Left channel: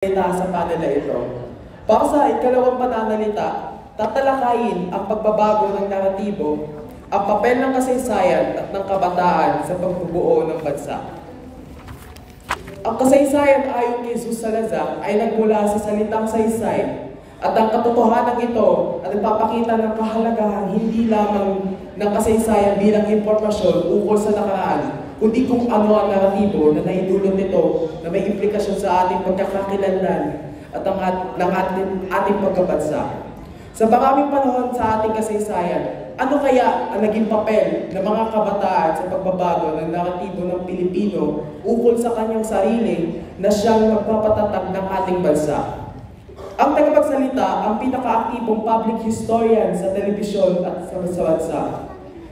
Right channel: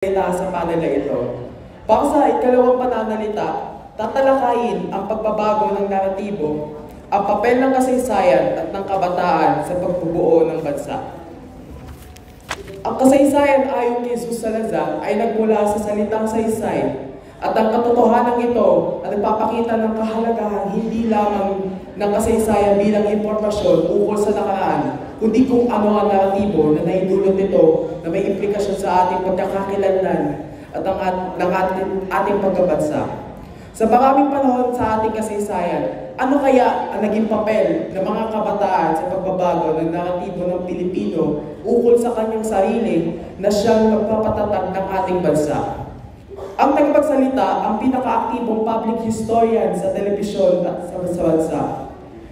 Sa panel na ito. Para sa ikalawang pananalita, tatalakayin ang pagbabago ng naratibo, ang papel ng kasaysayan at ng kabataan sa pagbubuo ng bansa. Ang kasaysayan ayon kay Jesus Salazar ay nagmula sa salitang saysay at ang katotohanan ito ay nagpapakita ng kahalagahan hindi lamang ng kasaysayan bilang impormasyon ukol sa nakaraan, kundi kung ano ang naratibo na naidulot nito na may implikasyon sa ating pagkakakilanlan at ng ating pagkabansa. Sa maraming panahon sa ating kasaysayan, ano kaya ang naging papel ng mga kabataan sa pagbabago ng naratibo ng Pilipino ukol sa kanyang sarili na siyang magpapatatag ng ating bansa? Ang tagapagsalita ang pinakaaktibong public historian sa telebisyon at sa bansa.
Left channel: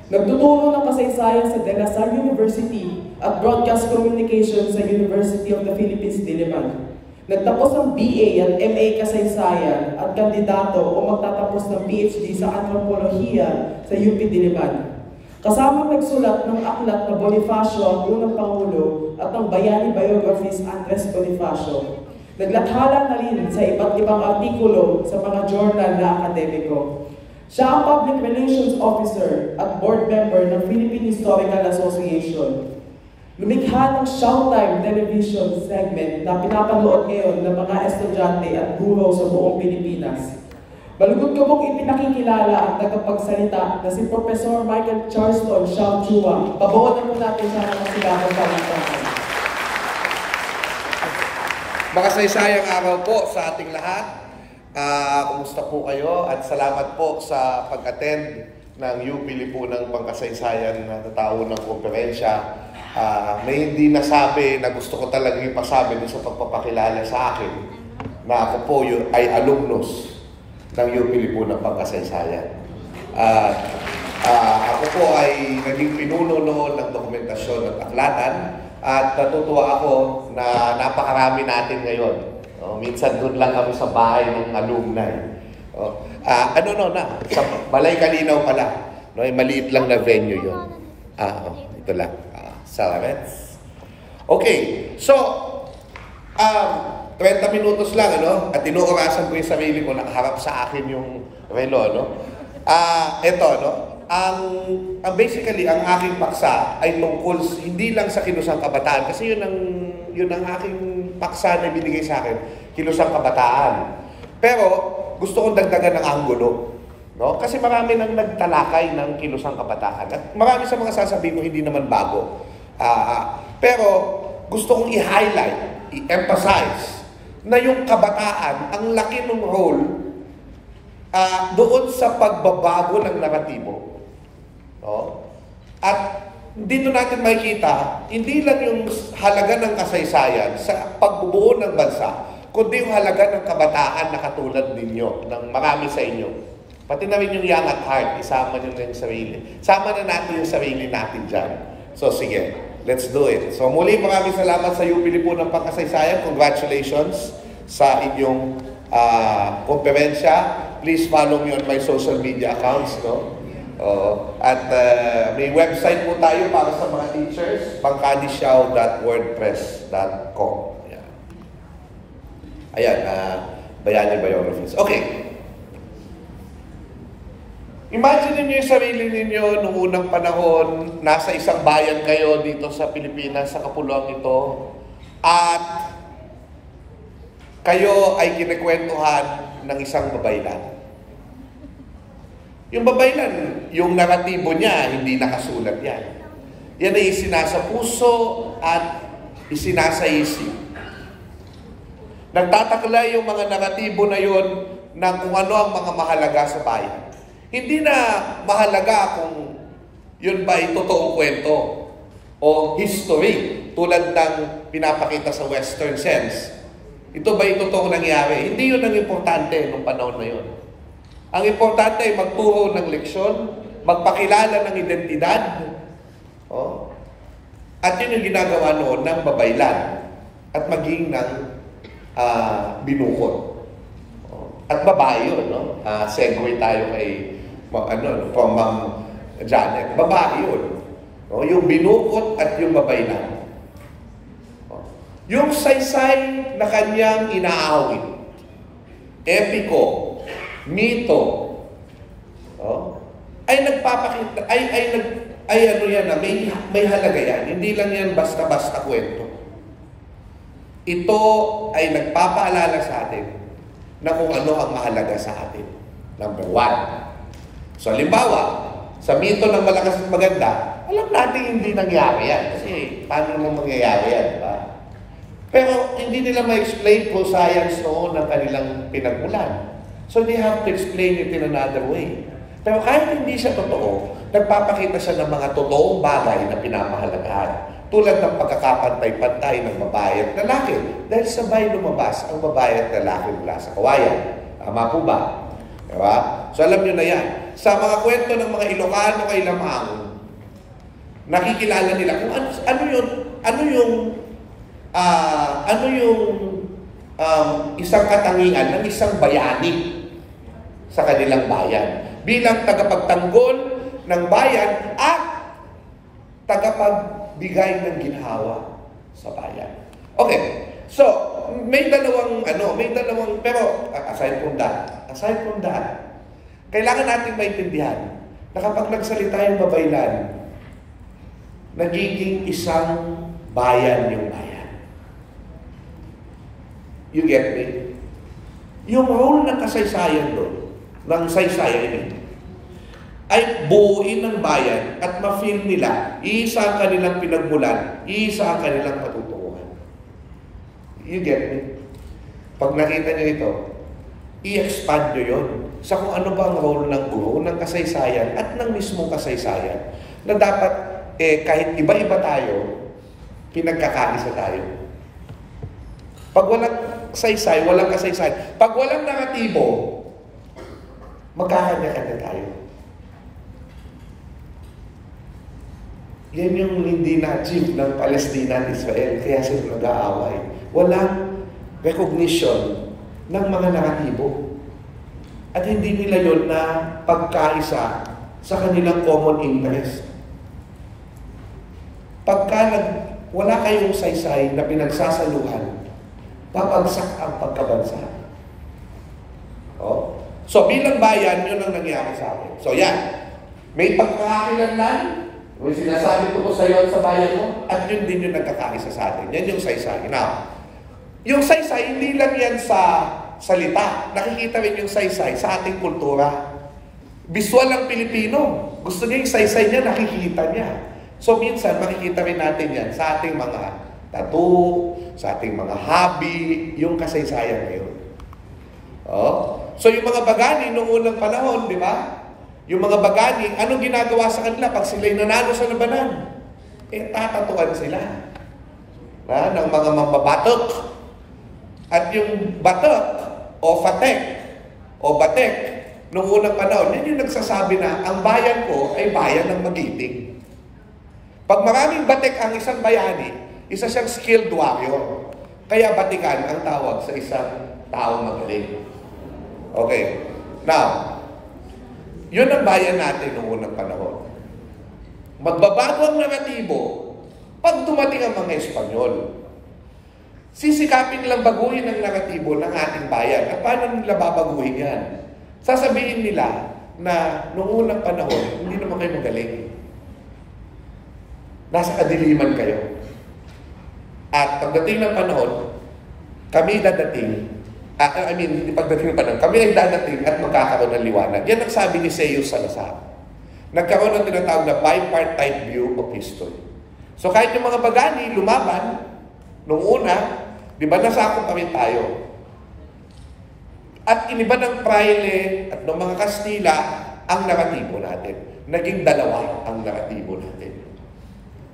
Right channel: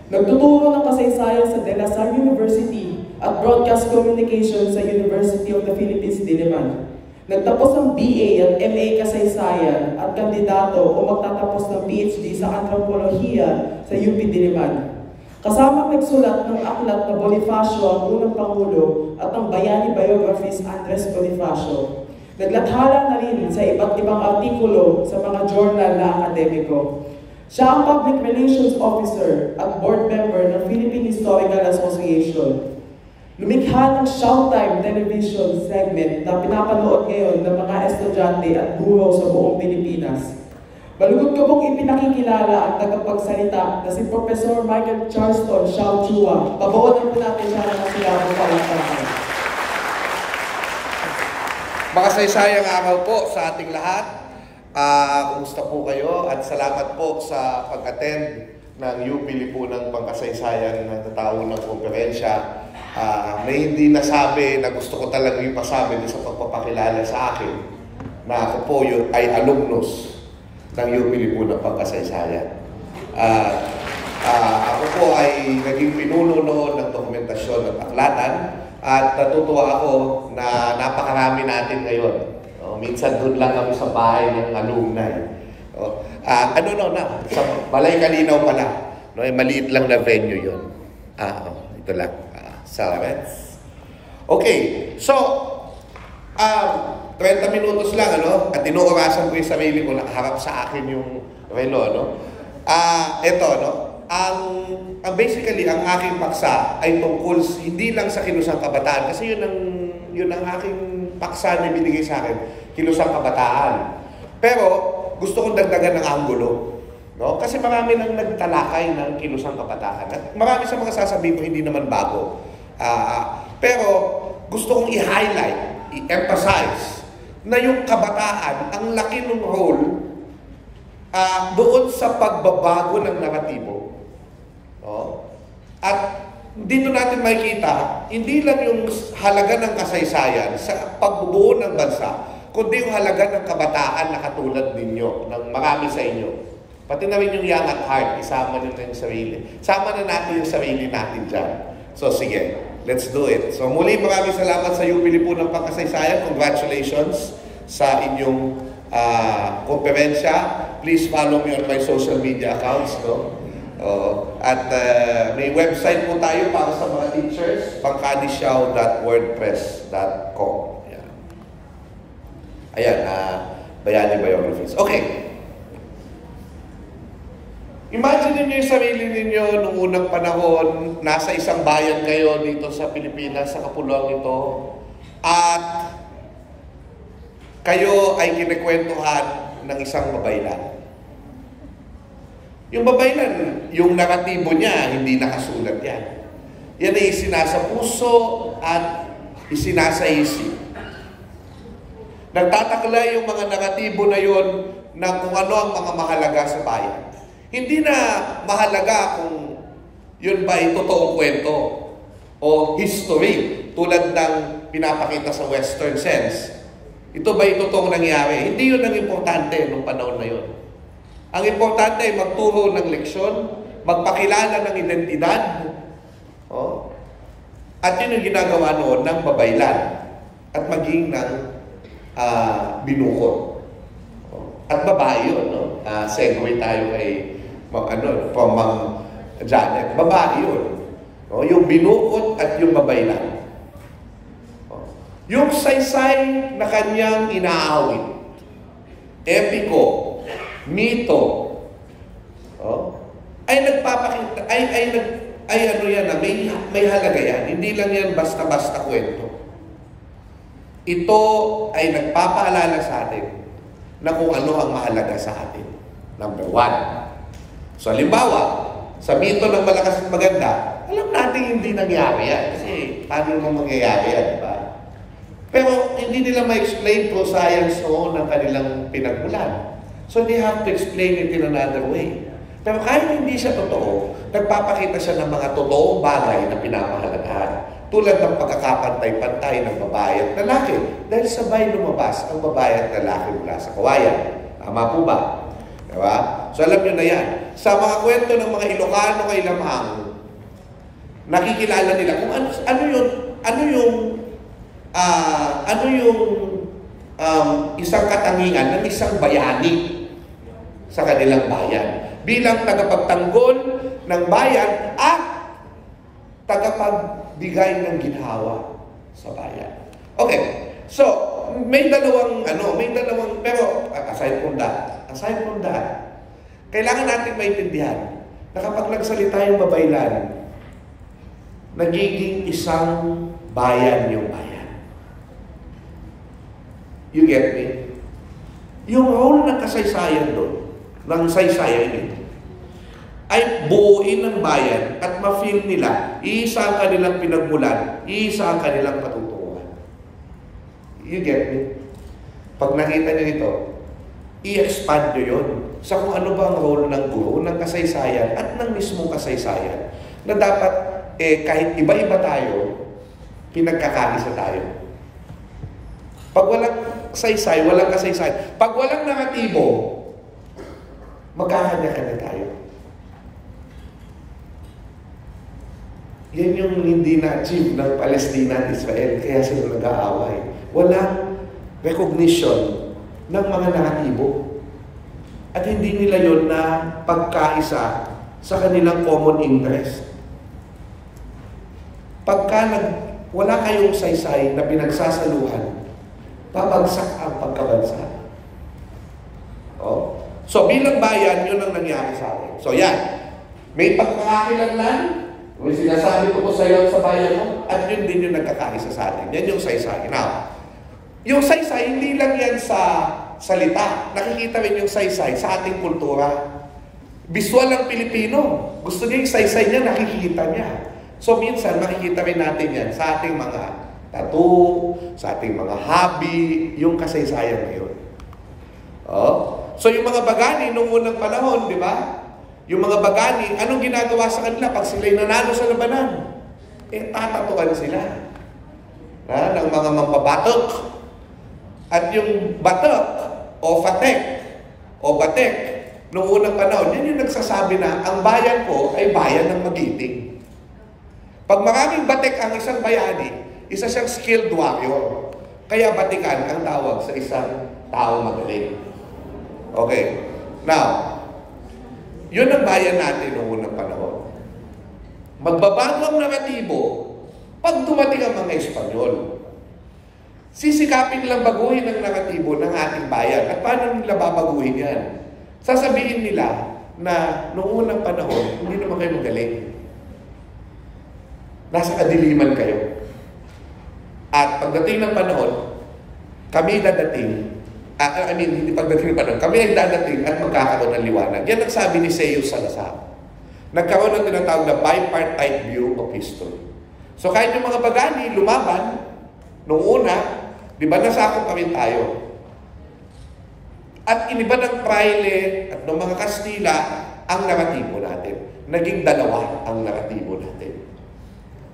Nagtuturo ng kasaysayan sa De La Salle University at Broadcast Communication sa University of the Philippines, Diliman. Nagtapos ng BA at MA Kasaysayan at kandidato o magtatapos ng PhD sa Antropolohiya sa UP Diliman. Kasama nagsulat ng aklat na Bonifacio ang unang Pangulo at ang Bayani Biographies Andres Bonifacio. Naglathala na rin sa iba't ibang artikulo sa mga journal na akademiko. Siya ang Public Relations Officer at Board Member ng Philippine Historical Association. Lumikha ng Showtime television segment na pinapanood ngayon ng mga estudyante at guro sa buong Pilipinas. Malugod ko pong ipinakikilala ang tagapagsalita na si Professor Michael Charleston Xiao Chua. Pabawalan po natin siya ng masilabong kalantanan. Makasaysayang araw po sa ating lahat. Kumusta po kayo? At salamat po sa pag-attend ng UP Lipunang Pangkasaysayan na tatao ng konferensya. May hindi nasabi na gusto ko talagang ipasabi sa pagpapakilala sa akin na ako po ay alumnus ng UP Lipunang Pangkasaysayan. Ako po ay naging pinuno noon ng dokumentasyon at aklatan at natutuwa ako na napakarami natin ngayon. Minsan doon lang kami sa bahay ng alumni. Sa Balay Kalinaw pala. Maliit lang na venue yun. Ito lang. Salamets. Okay, so 30 minutos lang, at inuurasan ko yung sarili ko, nakaharap sa akin yung relo, basically, ang aking paksa ay tungkol hindi lang sa kilusang kabataan, kasi yun ang aking paksa na binigay sa akin, kilusang kabataan. Pero gusto kong dagdagan ng anggulo, kasi marami nang nagtalakay ng kilusang kabataan. At marami sa mga sasabihin ko hindi naman bago. Pero gusto kong i-highlight, i-emphasize na yung kabataan, ang laki ng role doon sa pagbabago ng naratibo. At dito natin makikita, hindi lang yung halaga ng kasaysayan sa pagbubuo ng bansa, kundi yung halaga ng kabataan na katulad ninyo, ng marami sa inyo. Pati na rin yung young at heart, isama nyo na yung sarili. Sama na natin yung sarili natin dyan. So sige, let's do it. So muli maraming salamat sa UP Lipunang Pangkasaysayan. Congratulations sa inyong konferensya. Please follow me on my social media accounts. At may website po tayo para sa mga teachers, bangkadisiao.wordpress.com. Ayan, Bayani Biographies. Okay. Imagine niyo yung sarili ninyo nung unang panahon, nasa isang bayan kayo dito sa Pilipinas, sa kapuluang ito, at kayo ay kinekwentuhan ng isang babaylan. Yung babaylan, yung naratibo niya, hindi nakasulat yan. Yan ay isinasa puso at isinasa isip. Nagtatakla yung mga naratibo na yun ng kung ano ang mga mahalaga sa bayan. Hindi na mahalaga kung yun ba ay totoong kwento o history tulad ng pinapakita sa Western sense. Ito ba ay totoong nangyari? Hindi yun ang importante nung panahon na yun. Ang importante ay magturo ng leksyon, magpakilala ng identidad, at yun yung ginagawa noon ng babaylan at maging ng binukod. At babae yun, segue tayo kay from Ma'am Janet. Babae yun. Yung binukod at yung babaylan. Yung saysay na kanyang inaawit, epiko, mito, ay nagpapakita, ay ano yan na, may halaga yan. Hindi lang yan basta-basta kwento. Ito ay nagpapaalala sa atin na kung ano ang mahalaga sa atin. Number 1. So, halimbawa, sa mito ng malakas at maganda, alam natin hindi nangyari yan. Kasi, paano mo mangyayari yan, di ba? Pero, hindi nila ma-explain through science noon ng kanilang pinagmulan. So, they have to explain it in another way. Pero kahit hindi siya totoo, nagpapakita siya ng mga totoong bagay na pinapahalagahan. Tulad ng pagkakapantay-pantay ng babae at lalaki. Dahil sabay lumabas ang babae at lalaki mula sa kawayan. Tama po ba? Diba? So alam nyo na yan. Sa mga kwento ng mga Ilocano kay Lamang, nakikilala nila kung ano yung isang katangian ng isang bayani sa kanilang bayan. Bilang tagapagtanggol ng bayan at tagapagbigay ng ginhawa sa bayan. Okay. So, may dalawang, pero aside from that, kailangan natin maintindihan na kapag nagsalita yung babaylan, nagiging isang bayan yung bayan. You get me? Yung role ng kasaysayan doon, ng saysayan ito, ay buuin ng bayan at ma-feel nila, iisa ang kanilang pinagmulan, iisa ang kanilang patutunguhan. You get me? Pag nakita nyo ito, i-expand nyo yun sa kung ano ba ang role ng guro, ng kasaysayan at ng mismong kasaysayan na dapat, kahit iba-iba tayo, pinagkakaisa tayo. Pag walang saysay, walang kasaysayan. Pag walang naratibo, magkakanya-kanya tayo. Yan yung hindi na-achieve ng Palestina at Israel, kaya sila nag-aaway. Walang recognition ng mga naratibo. At hindi nila yon na pagkaisa sa kanilang common interest. Pagka wala kayong saysay na pinagsasaluhan, babagsak ang pagkabansa. So bilang bayan, yun ang nangyari sa atin. So yan, may pagkakakilanlan, may sinasabi ko po sa iyo sa bayan mo, at yun din yung nagkakaisa sa atin. Yan yung saysay. Now, yung saysay, hindi lang yan sa salita. Nakikita rin yung saysay sa ating kultura. Visual ang Pilipino. Gusto niya yung saysay niya, nakikita niya. So minsan, makikita rin natin yan sa ating mga tattoo, sa ating mga hobby, yung kasaysayan ngayon. So yung mga bagani nung unang panahon, di ba? Yung mga bagani, anong ginagawa sa kanila pag sila'y nanalo sa labanan? Tatatuan sila. Ng mga mambabatok. At yung batok, o fatek, o batek, nung unang panahon, yan yung nagsasabi na, ang bayan ko ay bayan ng magiting. Pag maraming batek ang isang bayani, isa siyang skilled warrior. Kaya batikan ang tawag sa isang tao magaling. Okay. Now, yun ang bayan natin noong unang panahon. Magbabago ang naratibo pag dumating ang mga Espanyol. Sisikapin lang baguhin ang naratibo ng ating bayan. At paano nila babaguhin yan? Sasabihin nila na noong unang panahon, hindi naman kayo magaling. Nasa kadiliman kayo. At pagdating ng panahon, kami dadating. Hindi pagdating ng panahon. Kami ay dadating at magkakaroon ng liwanag. Yan ang sabi ni Seiyo Salazar. Nagkaroon ng tinatawag na bipartite view of history. So kahit yung mga bagani lumaban, nung una, di ba nasakop pa rin tayo? At iniba ng Fraile at ng mga Kastila ang naratibo natin. Naging dalawa ang naratibo natin.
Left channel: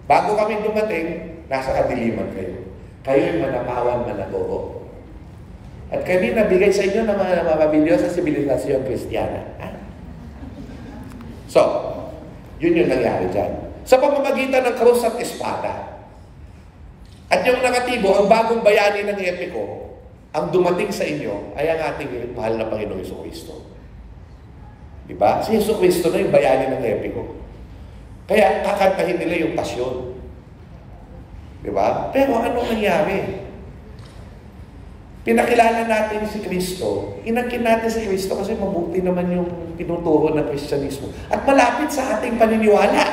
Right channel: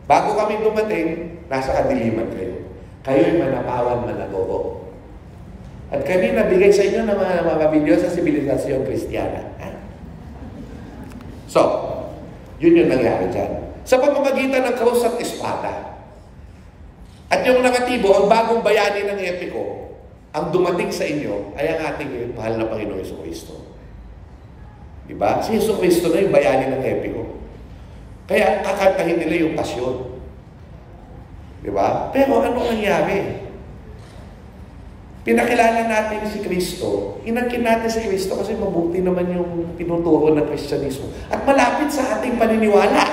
Bago kami dumating, nasa kadiliman kayo. Kayo'y manapawan na nagogo. At kami nabigay sa inyo ng mga mabilis sa sibilisasyon Kristiyana. So, yun yung nangyari dyan. Sa pamamagitan ng krus at espada. At yung naratibo, ang bagong bayani ng epiko, ang dumating sa inyo ay ang ating mahal na Panginoong Jesucristo. Diba? Si Jesucristo na yung bayani ng epiko. Kaya kakantahin nila yung pasyon. Diba? Pero anong nangyari? Pinakilala natin si Kristo, inangkin natin si Kristo kasi mabuti naman yung tinuturo ng Kristyanismo. At malapit sa ating paniniwala.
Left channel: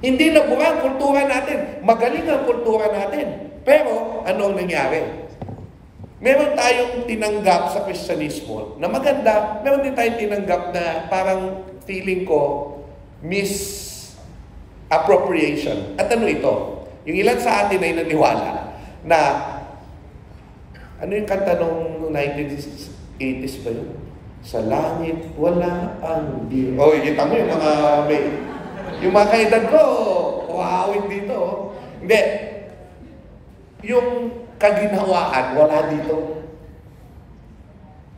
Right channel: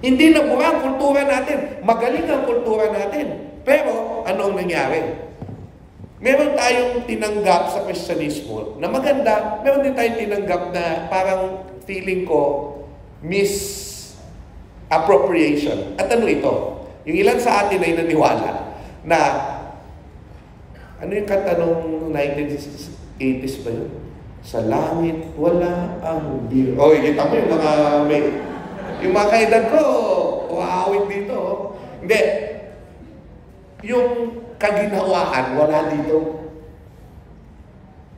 Hindi nabura ang kultura natin. Magaling ang kultura natin. Pero, ano ang nangyari? Meron tayong tinanggap sa Kristyanismo na maganda, meron din tayong tinanggap na parang feeling ko misappropriation. At ano ito? Yung ilan sa atin ay naniwala na ano yung kanta nung 1980s ba yun? Sa langit, wala ang biro. Oh, kita mo yung mga yung mga kaedad ko, waawit dito. Hindi. Yung kaginhawaan, wala dito.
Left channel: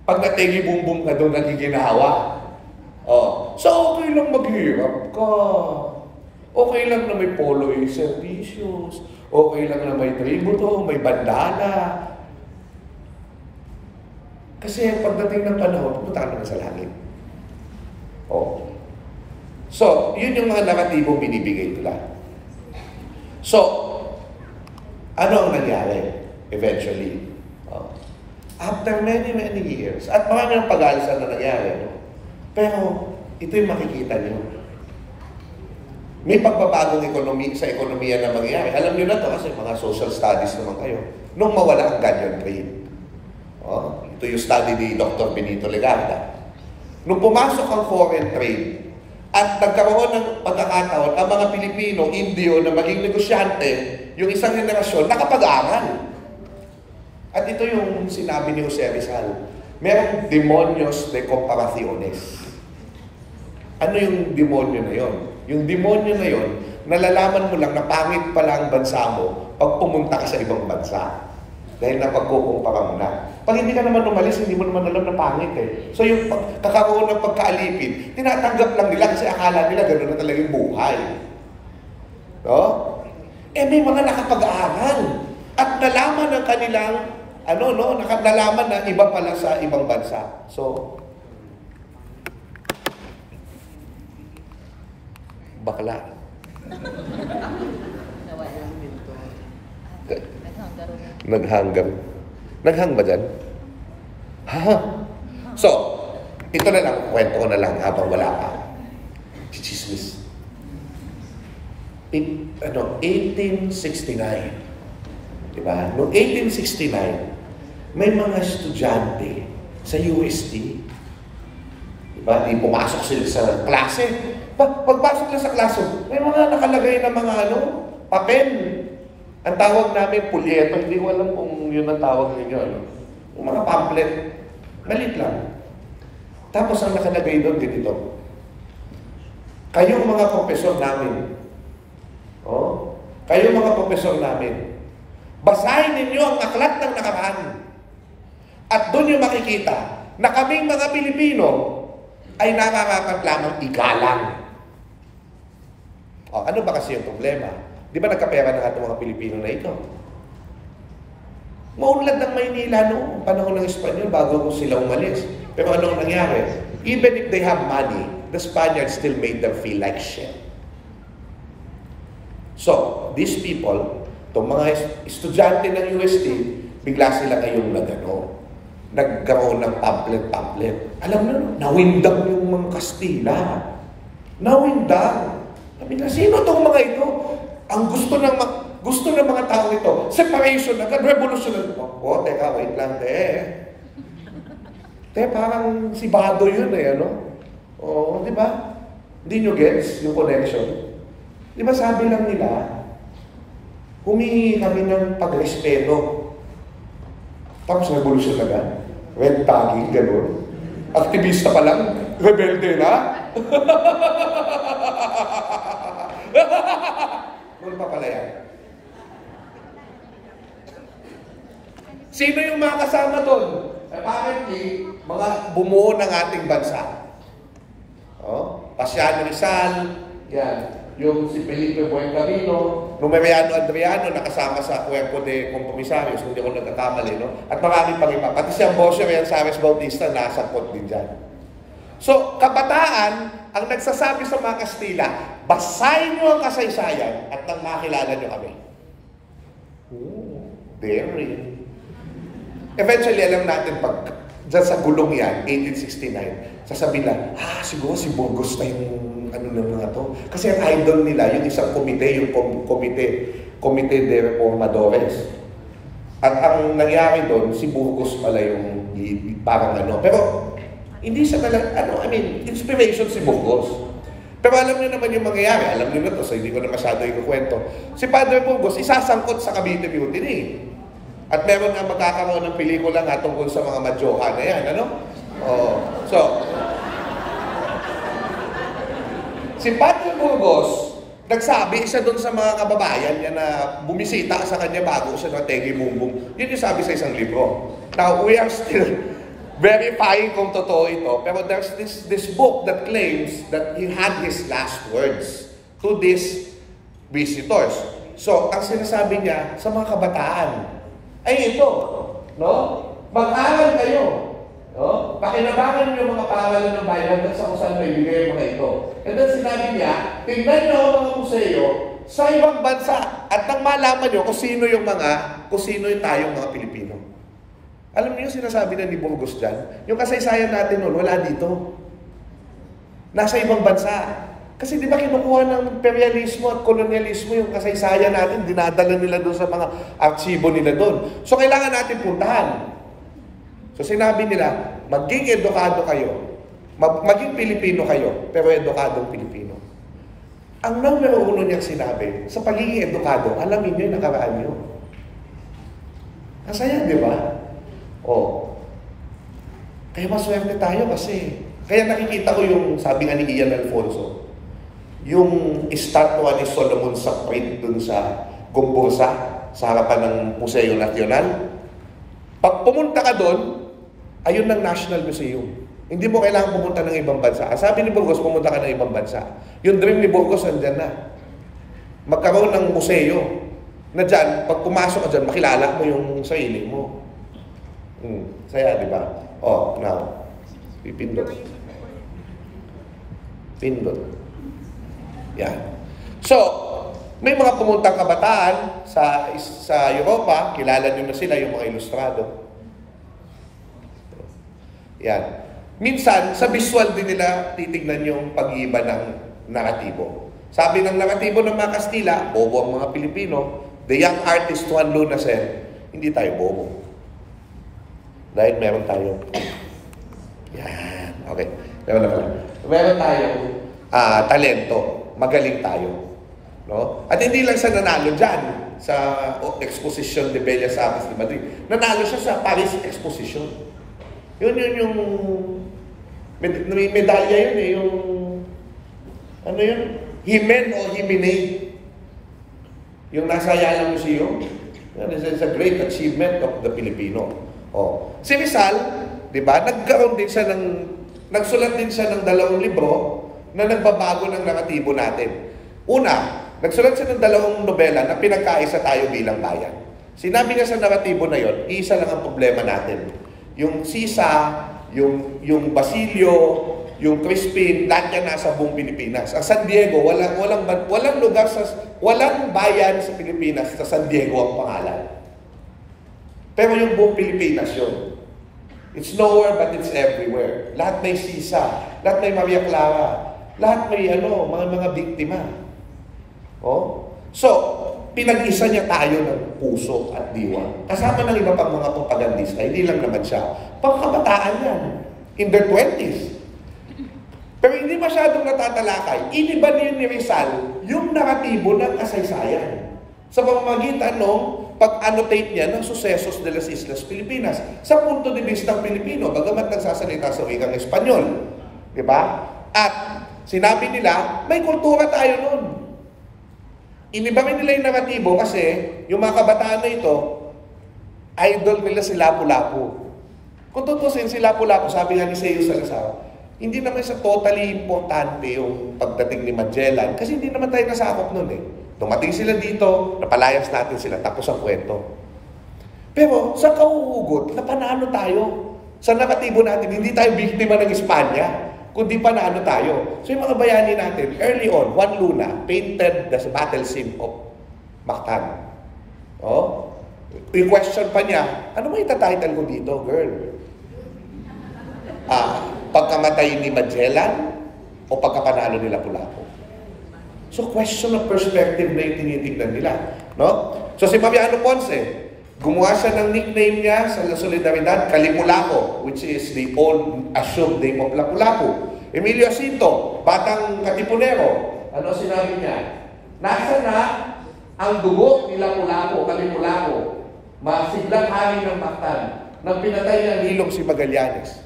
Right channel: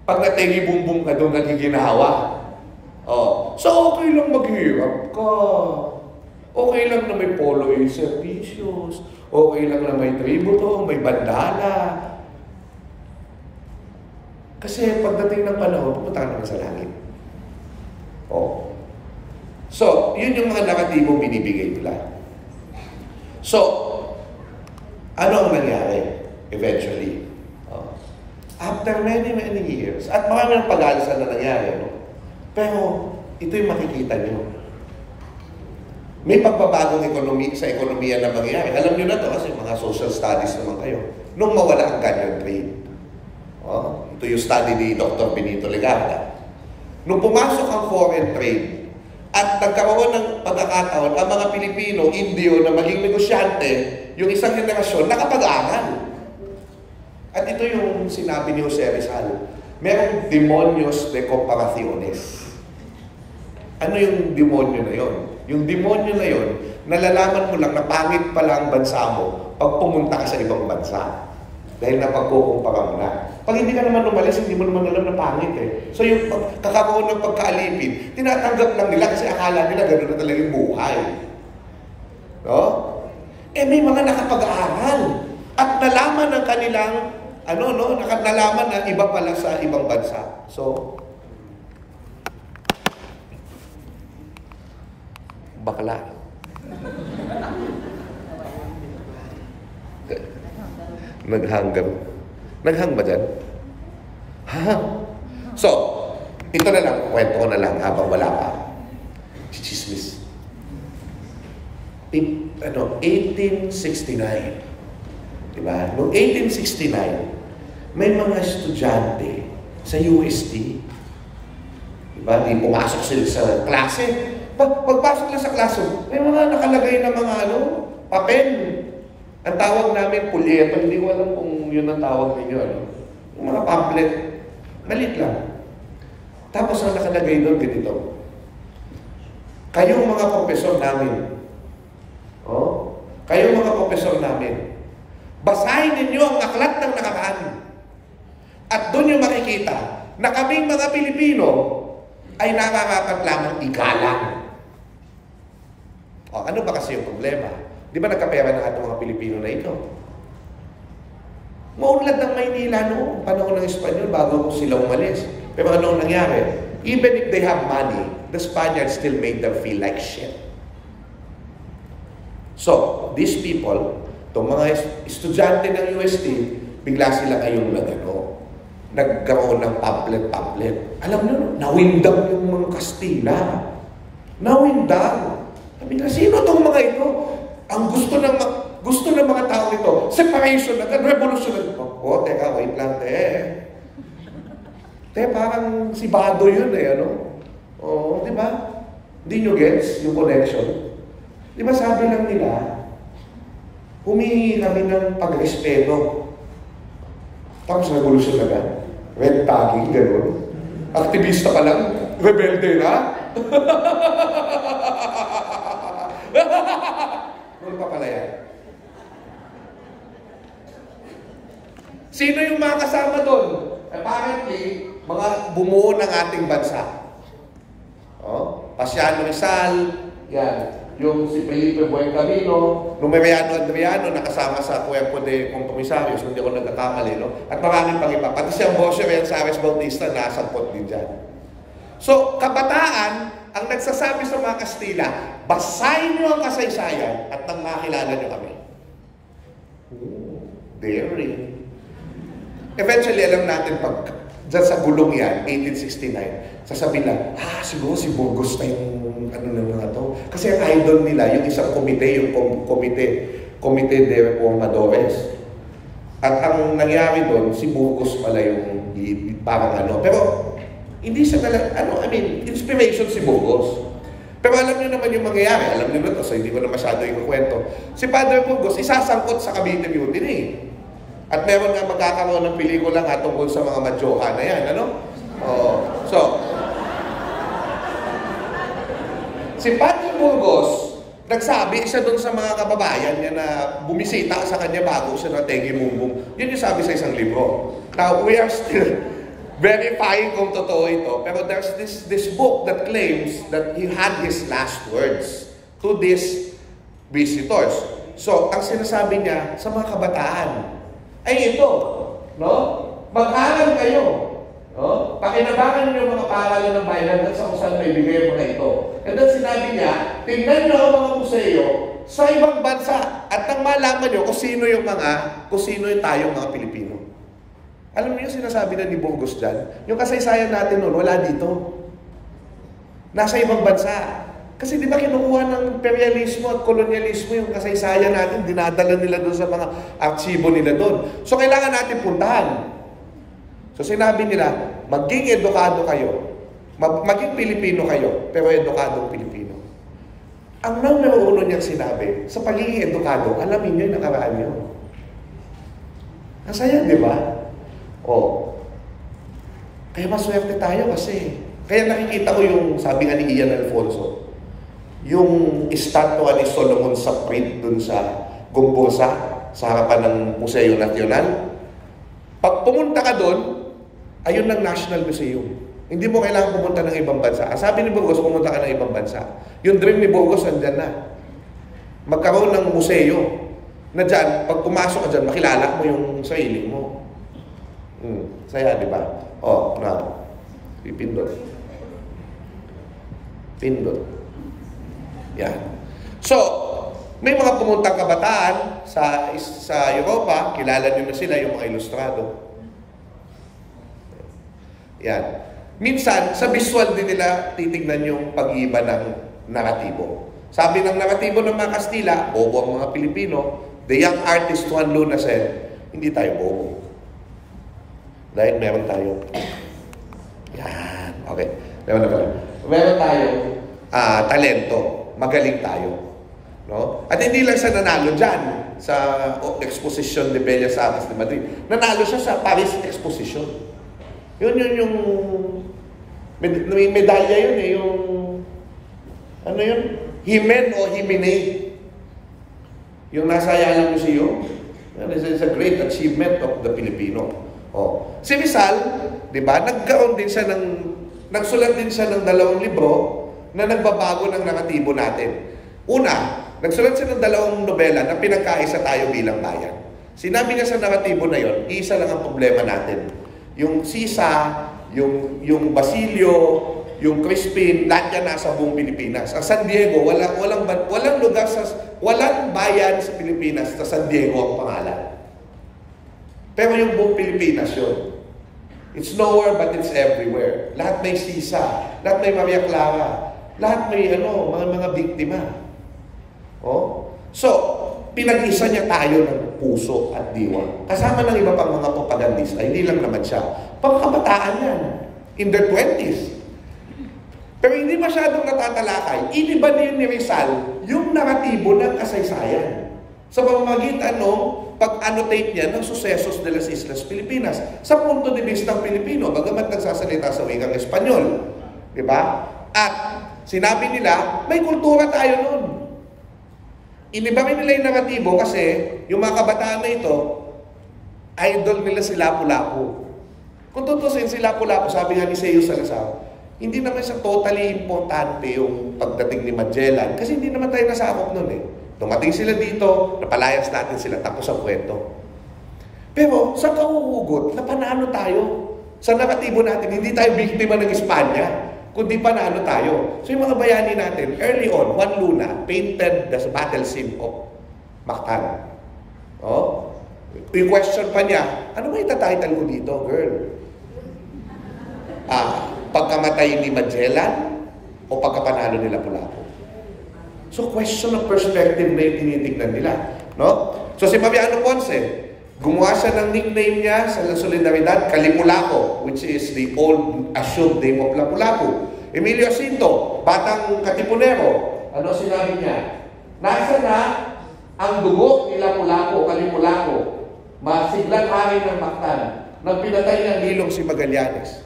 Pag natingi bumbum ka doon, nagiginawa. Oh. So, okay lang maghirap ka. Okay lang na may polo servicios. Okay lang na may tributo, may bandala. Kasi pagdating ng panahon, pumunta ka naman sa langit. Oh. So, yun yung mga narratibong binibigay nila. So, ano ang nangyari eventually? Oh. After many years, at marami ng pag-aalisan na nangyari, no? Pero ito yung makikita nyo. May pagbabagong sa ekonomiya na mangyayari. Alam nyo na to kasi mga social studies naman kayo. Nung mawala ang ganyan trade. Oh, ito yung study ni Dr. Benito Legarda. Nung pumasok ang foreign trade at nagkaroon ng pagkakataon ang mga Pilipino, Indio na maging negosyante, yung isang henerasyon nakapag-aral. At ito yung sinabi ni Jose Rizal. Merong demonios de comparaciones. Ano yung demonyo na yon? Yung demonyo na yon, nalalaman mo lang na pangit pala ang bansa mo pag pumunta ka sa ibang bansa. Dahil napagkukumpara mo na. Pag hindi ka naman umalis, hindi mo naman alam na pangit eh. So yung kakaroon ng pagkaalipin, tinatanggap lang nila kasi akala nila gano'n na talaga yung buhay. No? Eh may mga nakapag-aaral at nalaman ng kanilang nalaman na iba pala sa ibang bansa. So, bakla. Naghanggang. Naghang ba dyan? Ha? So, ito na lang, kwento ko na lang habang wala pa. Chichismis. 1869. Diba? Noong 1869, may mga estudyante sa UST. Diba? Di pumasok sila sa klase. Pagpasok na sa klase, may mga nakalagay na mga papel. Ang tawag namin, pulyeto. Hindi ko alam kung yun ang tawag ninyo. Yung mga pamphlet. Malit lang. Tapos ang nakalagay doon, ganito. Kayong mga profesor namin. Kayong mga profesor namin. Basahin ninyo ang aklat ng nakaraan. At doon yung makikita na kaming mga Pilipino ay nararapat lamang igalang. Ano ba kasi yung problema? Di ba nagkapera ng ating mga Pilipino na ito? Maunlad ng Maynila noong panahon ng Espanyol bago sila umalis. Pero anong nangyari? Even if they have money, the Spaniards still made them feel like shit. So, these people, itong mga estudyante ng UST, bigla sila ngayong nagkaroon ng pamphlet. Alam nyo, nawindang yung mga Kastila. Nawindang. Sabi na, sino itong mga ito? Ang gusto ng mga tao ito, separation agad, revolution agad. Teka, wait lang, parang si Bado yun di ba? Hindi nyo gets yung connection? Di ba sabi lang nila, humingi kami ng pagrespeto. Tapos revolution agad. Red tagging, gano'n. Aktivista pa lang, rebelde na. Noon pa pala yan. Sino yung mga kasama doon? Apparently, mga bumuo ng ating bansa. Pasiano Rizal, yan. Yung si Felipe Buencamino, Numeriano Adriano, nakasama sa Cuerpo de Compromisarios, hindi ako nagkakamali, no? At maraming pang iba. Pati siyang Bosio, yan, Sares Bautista, nasangkot din dyan. So, kabataan, ang nagsasabi sa mga Kastila, basahin nyo ang kasaysayan at nang makilala nyo kami. Daring. Eventually, alam natin, pag dyan sa gulong yan, 1869, sasabihin lang, siguro si Burgos na yung ano ng mga to. Kasi ang idol nila, yung isang komite, yung Komite de Reformadores. At ang nangyari doon, si Burgos pala yung parang ano. Pero, hindi siya talaga, inspiration si Burgos. Pero alam niyo naman yung mangyayari, alam niyo na to, so hindi ko na masyado ikukwento. Si Padre Burgos, isasangkot sa Cavite Mutiny. At meron na magkakaroon ng pelikula nga tungkol sa mga madyoha na yan, ano? So, si Padre Burgos, nagsabi siya doon sa mga kababayan niya na bumisita sa kanya bago siya ng Tegi Bumbong. Yun yung sabi sa isang libro. Now, we are still verifying kung totoo ito, pero there's this book that claims that he had his last words to these visitors. So, ang sinasabi niya sa mga kabataan ay ito, no? Mag-aral kayo, no? Pakinabangan niyo mga pangalan ng bayan hanggang sa kung saan may bigay ang mga ito. And then sinabi niya, tingnan niyo ang mga museo sa ibang bansa at nang malaman niyo kung sino yung tayong mga Pilipino. Alam niyo yung sinasabi na ni Burgos dyan? Yung kasaysayan natin noon, wala dito. Nasa ibang bansa. Kasi di ba kinukuha ng imperialismo at kolonyalismo yung kasaysayan natin, dinadala nila doon sa mga archibo nila doon. So kailangan natin puntahan. So sinabi nila, maging edukado kayo, maging Pilipino kayo, pero edukadong Pilipino. Ang numero uno niyang sinabi, sa pagiging edukado, alamin niyo yung nakaraan niyo. Ang saya, di ba? Kaya maswerte tayo kasi, kaya nakikita ko yung, sabi nga ni Ian Alfonso, yung estatwa ni Solomon sa print dun sa Gombursa, sa harapan ng Museo Nacional. Pag pumunta ka doon, ayun ng National Museum. Hindi mo kailangan pumunta ng ibang bansa. Ang sabi ni Burgos, pumunta ka ng ibang bansa. Yung dream ni Burgos, andyan na. Magkaroon ng museo na dyan, pag pumasok ka dyan, makilala mo yung sarili mo. Saya, di ba? Now, pipindot. Pindot. Yan. So, may mga pumuntang kabataan sa Europa, kilala nyo na sila, yung mga ilustrado. Yan. Minsan, sa visual din nila titignan yung pag-iiba ng naratibo. Sabi ng naratibo ng mga Kastila, bobo ang mga Pilipino, the young artist Juan Luna said, hindi tayo bobo. Dahil meron tayong, yan, okay, meron tayong talento, magaling tayo. No? At hindi lang siya nanalo dyan sa Exposition de Bellas Artes de Madrid. Nanalo siya sa Paris Exposition. Yun yung may medalya yun eh, yung ano yun? Himen o Himine. Yung nasa Ayala Museum. It's a great achievement of the Filipino. Si Rizal, di ba, nagsulat din siya ng 2 libro na nagbabago ng naratibo natin. Una, nagsulat siya ng 2 nobela na pinagkaisa tayo bilang bayan. Sinabi niya sa naratibo na yon, isa lang ang problema natin. Yung Sisa, yung Basilio, yung Crispin, lahat yan nasa buong Pilipinas. Ang San Diego, walang lugar walang bayan sa Pilipinas sa San Diego ang pangalan. Pero yung buong Pilipinas yun. It's nowhere but it's everywhere. Lahat may Sisa, lahat may Maria Clara, lahat may mga biktima. So, pinag-isa niya tayo ng puso at diwa. Kasama ng iba pang mga propagandista, hindi lang naman siya. Pagkabataan yan, in their 20s. Pero hindi masyadong natatalakay. Iniba niyo ni Rizal yung naratibo ng kasaysayan sa pamamagitan ng pag-annotate niya ng sucesos de las Islas Pilipinas sa punto de vista ng Pilipino, bagamat nagsasalita sa wikang Espanyol. Diba? At sinabi nila, may kultura tayo nun. Iniba nila yung naratibo kasi yung mga kabataan na ito, idol nila si Lapu-Lapu. Kung tutusin si Lapu-Lapu, sabi nga ni Seo Salazar, hindi naman siya totally importante yung pagdating ni Magellan kasi hindi naman tayo nasakop nun eh. Dumating sila dito, napalayas natin sila, tapos ang kwento. Pero sa kauhugot, napanalo tayo. Sa naratibo natin, hindi tayo biktima ng Espanya, kundi panalo tayo. So yung mga bayani natin, early on, Juan Luna painted the battle scene of Mactan. Yung question pa niya, ano ba itatitle ko dito, girl? Pagkamatay ni Magellan o pagkapanalo nila Lapu-Lapu? So, question of perspective na yung tinitignan nila. No? So, si Mariano Ponce, gumawa siya ng nickname niya sa Solidaridad, Kalipu-Lapu, which is the old assumed name of Lapu-Lapu. Emilio Jacinto, batang Katipunero, ano sinabi niya? Nasa na ang dugo ni Lapu-Lapu, Kalipu-Lapu, masiglang hari ng Mactan, nang pinatay niyang Nilong si Magallanes.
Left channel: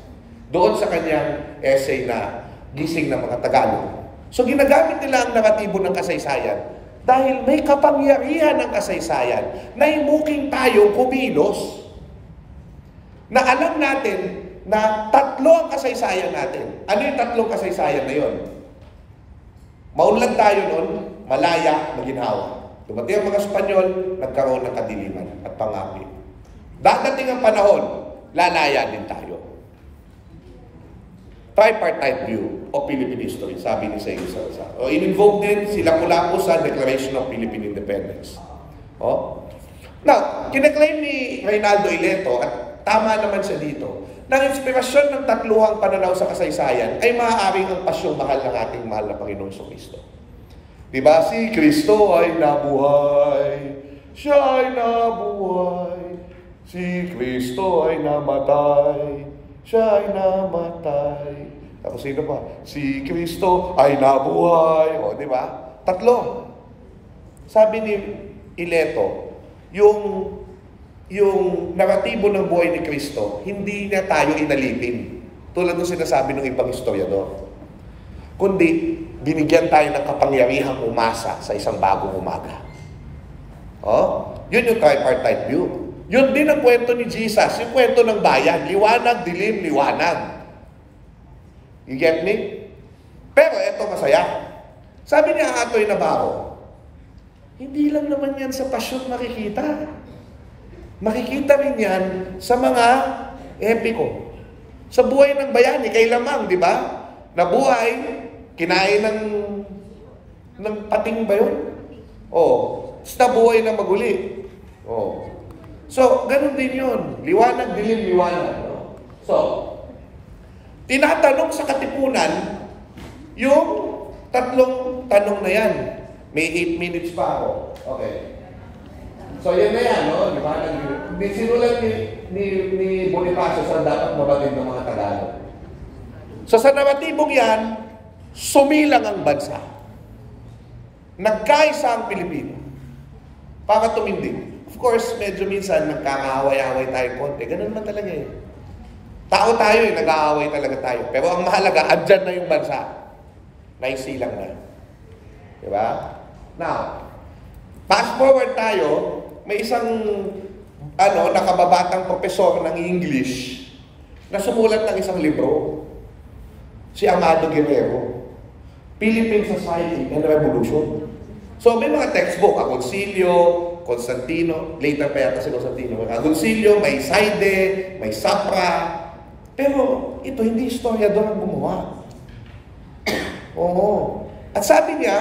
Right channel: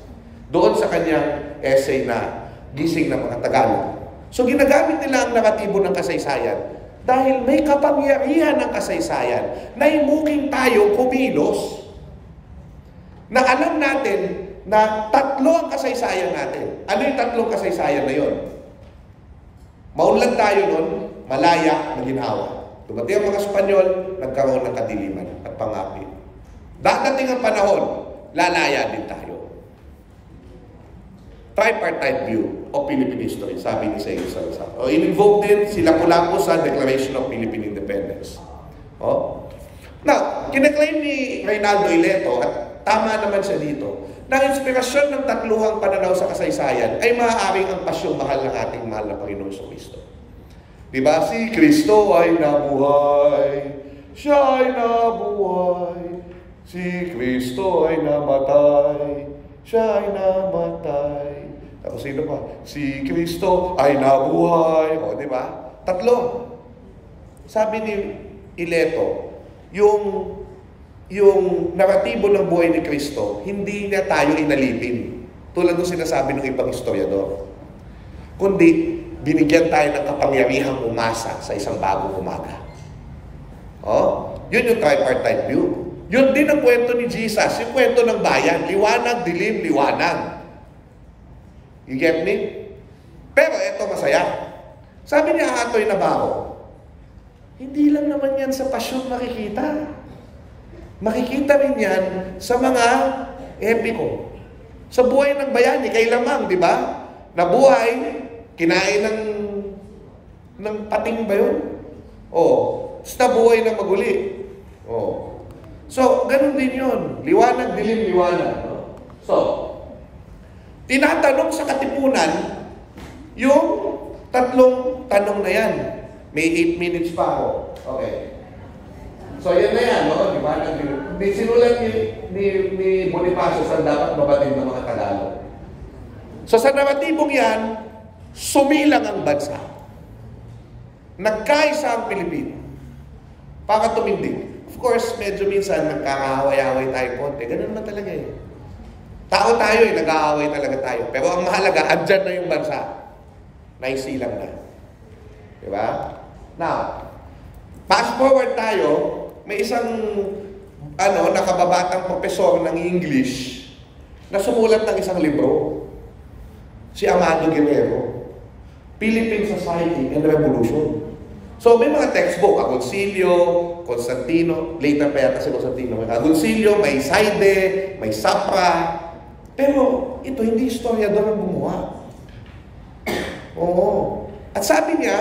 Doon sa kanyang essay na Gising ng mga Tagalog. So ginagamit nila ang naratibo ng kasaysayan dahil may kapangyarihan ng kasaysayan na imuking tayo kumilos. Na alam natin na tatlo ang kasaysayan natin. Ano yung tatlong kasaysayan na yon? Maunlad tayo nun, Malaya, Maginhawa. Dumating ang mga Espanyol, nagkaroon ng kadiliman at pangakit. Dadating ang panahon, lalaya din tayo. Tripartite view of Philippine history, sabi ni Sego Salazar. In-invoke din si Lapu-Lapu sa Declaration of Philippine Independence. Now, kinaklaim ni Reynaldo Ileto, at tama naman siya dito, na ang inspirasyon ng tatluhang pananaw sa kasaysayan ay maaaring ang pasyong mahal ng ating mahal na Panginoong Kristo. Diba? Si Kristo ay nabuhay, siya ay nabuhay, si Kristo ay namatay, siya ay namatay. Tapos sino pa? Si Kristo ay nabuhay. O, di ba? Tatlo. Sabi ni Ileto, yung naratibo ng buhay ni Kristo, hindi niya tayo inalipin. Tulad ng sinasabi ng ibang historiador. Kundi, binigyan tayo ng kapangyarihang umasa sa isang bagong umaga. Yun yung tripartite view. Yun din ang kwento ni Jesus, yung kwento ng bayan. Liwanag, dilim, liwanag. You get me? Pero eto masaya. Sabi niya Atoy Navarro, hindi lang naman yan sa pasyon makikita. Makikita rin yan sa mga epiko. Sa buhay ng bayani, kay Lamang, di ba? Nabuhay, kinain ng pating ba yun? Sa buhay ng maguli. So, ganun din yun. Liwanag, dilim, liwanag. So, tinatanong sa Katipunan yung tatlong tanong na yan. May 8 minutes pa ako. Okay. So, yan na yan, no? Liwanag, dilim. Sinulat ni Bonifacio saan dapat mabatid ng mga Tagalog. So, sa naratibong yan, sumilang ang bansa. Nagkaisa ang Pilipino para tumindig. Of course, medyo minsan nagkakaaway-away tayo konti. Ganun man talaga eh. Tao tayo eh, nag-aaway talaga tayo. Pero ang mahalaga, andyan na yung bansa. Naisilang na. Diba? Now, fast forward tayo, may isang nakababatang profesor ng English na sumulat ng isang libro. Si Amado Guerrero. Philippine Society and Revolution. So, may mga textbook, Agoncillo, Constantino, later pa yata si Constantino, may Agoncillo, may Saide, may Sapra. Pero, ito, hindi historiador ang gumawa. At sabi niya,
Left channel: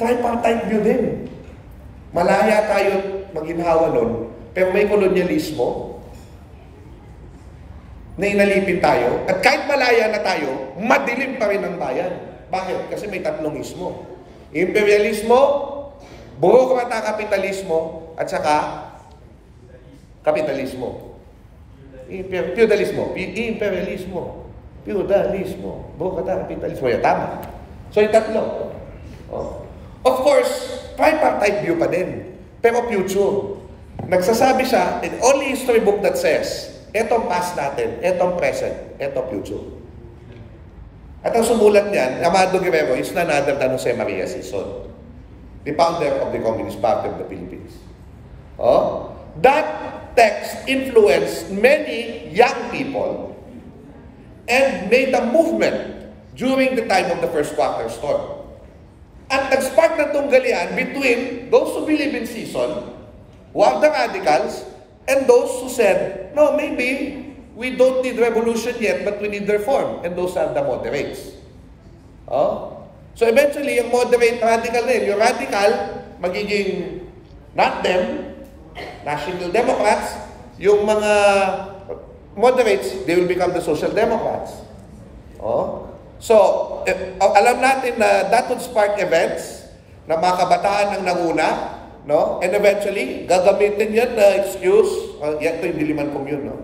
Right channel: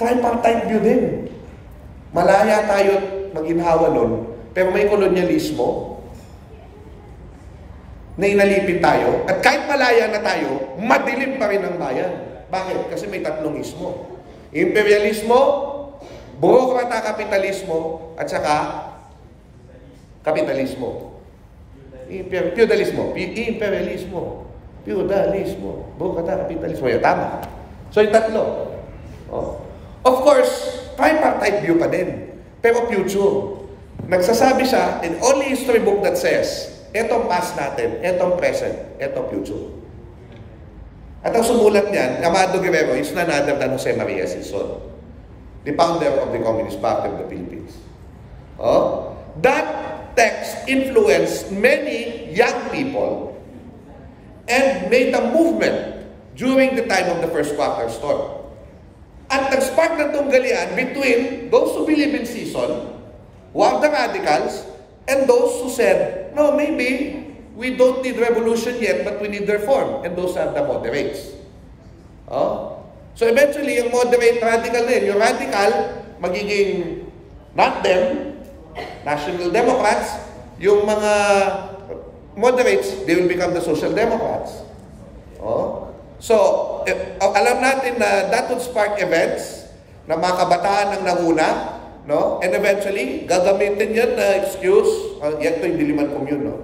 tripartite view din. Malaya tayo maginhawa nun, pero may kolonyalismo na inalipin tayo. At kahit malaya na tayo, madilim pa rin ang bayan. Bakit? Kasi may tatlong ismo. Imperialismo, burokrata kapitalismo, at saka kapitalismo. Feudalismo, imperialismo, feudalismo, burokrata kapitalismo. Yan, tama. So, yung tatlo. Of course, tripartite view pa din. Pero future. Nagsasabi siya, in only history book that says, etong past natin, etong present, etong future. At ang sumulat niyan, Amado Guerrero is none other than Jose Maria Sison, the founder of the Communist Party of the Philippines. That text influenced many young people and made a movement during the time of the First Quarter Storm. At nag-spark ng tunggalian between those who believe in Sison, who are the radicals, and those who said, no, maybe we don't need revolution yet, but we need reform. And those are the moderates. So eventually, yung moderate radical na yun, yung radical, magiging not them, National Democrats, yung mga moderates, they will become the Social Democrats. Oh. So, alam natin na that would spark events na mga kabataan ang nanguna, no? And eventually, gagamitin yan na excuse, yan ito yung Diliman Commune, no?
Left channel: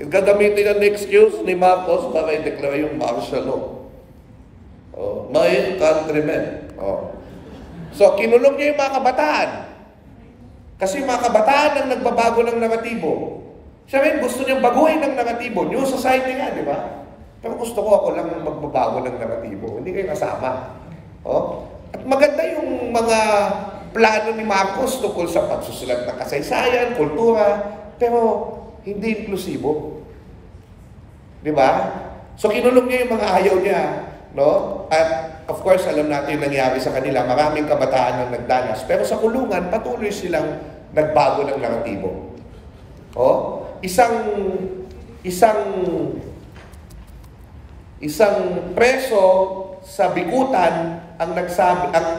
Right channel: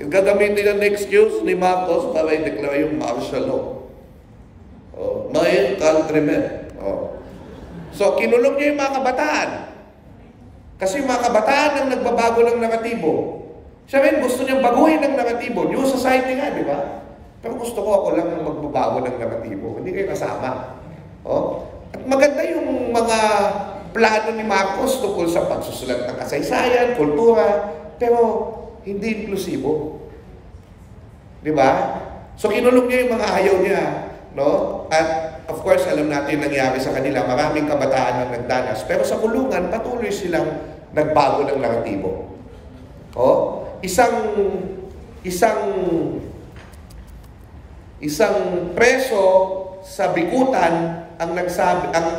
Gagamitin yan na excuse ni Marcos para i-declare yung martial law. Oh, my countrymen. Oh. So, kinulong niya yung mga kabataan. Kasi yung mga kabataan ang nagbabago ng naratibo. Siya rin, gusto niyang baguhin ng naratibo. New society nga, di ba? Pero gusto ko ako lang magbabago ng naratibo. Hindi kayo kasama. Oh? At maganda yung mga plano ni Marcos tungkol sa pagsusulat ng kasaysayan, kultura, pero hindi inklusibo. Di ba? So kinulong niya yung mga ayaw niya. No? At of course, alam natin yung nangyari sa kanila. Maraming kabataan ang nagdanas. Pero sa kulungan, patuloy silang nagbago ng naratibo. Oh? Isang preso sa Bikutan ang